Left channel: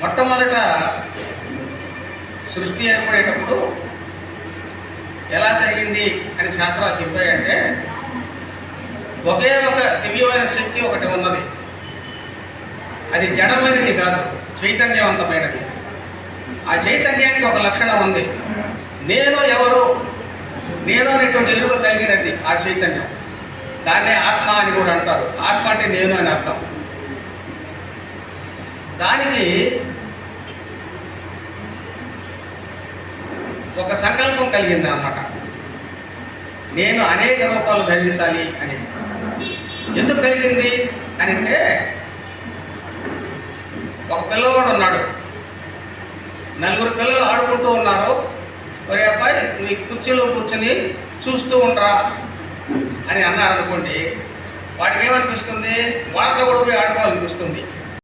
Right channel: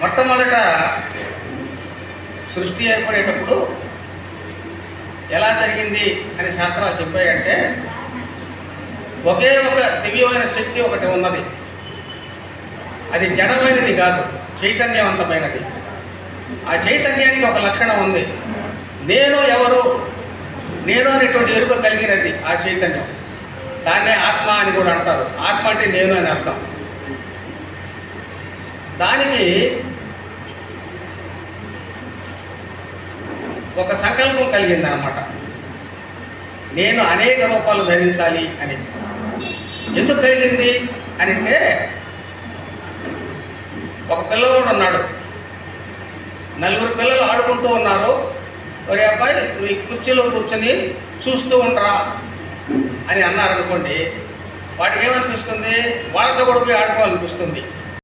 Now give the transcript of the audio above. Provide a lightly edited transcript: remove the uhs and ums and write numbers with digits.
మొట్టమొదట సృష్టి ఏర్పడేటప్పుడు ఎలా జరిగింది అని శాస్త్రాలు చెప్పాయంటే, ఒకే ఒక దివ్యమైన శక్తి ఒకటి ఉన్నది. అది జడమైనది కాదు, చైతన్యవంతమైనది. ఆ చైతన్యానికి ఒక లక్షణం ఉంది. నేను ఎవరు, నేను అనేటువంటి ఎరుక కలిగినది ఆ చైతన్యం. దాన్నే ఆత్మ అని కూడా అంటారు. ఆత్మ అంటే నేను అని అర్థం. దానికి ఒక సంకల్పం కలిగింది అన్నమాట. నేను అనేక రూపాలు ధరించాలి అని. ఎందుకు కలిగింది అని అంటే, ఒక పిల్లవాడు ఉన్నాడు, నలుగురు పిల్లలు ఆడుకుంటూ ఉన్నారు. ఒరే అబ్బాయి, నువ్వు ఈ కుర్చీలో కూర్చొని చూస్తూ ఉండరా అని అన్నారనుకోండి, వాటికి ఏమనిపిస్తుంది? వాళ్ళతో కూడా ఆడుకోవాలనిపిస్తుంది.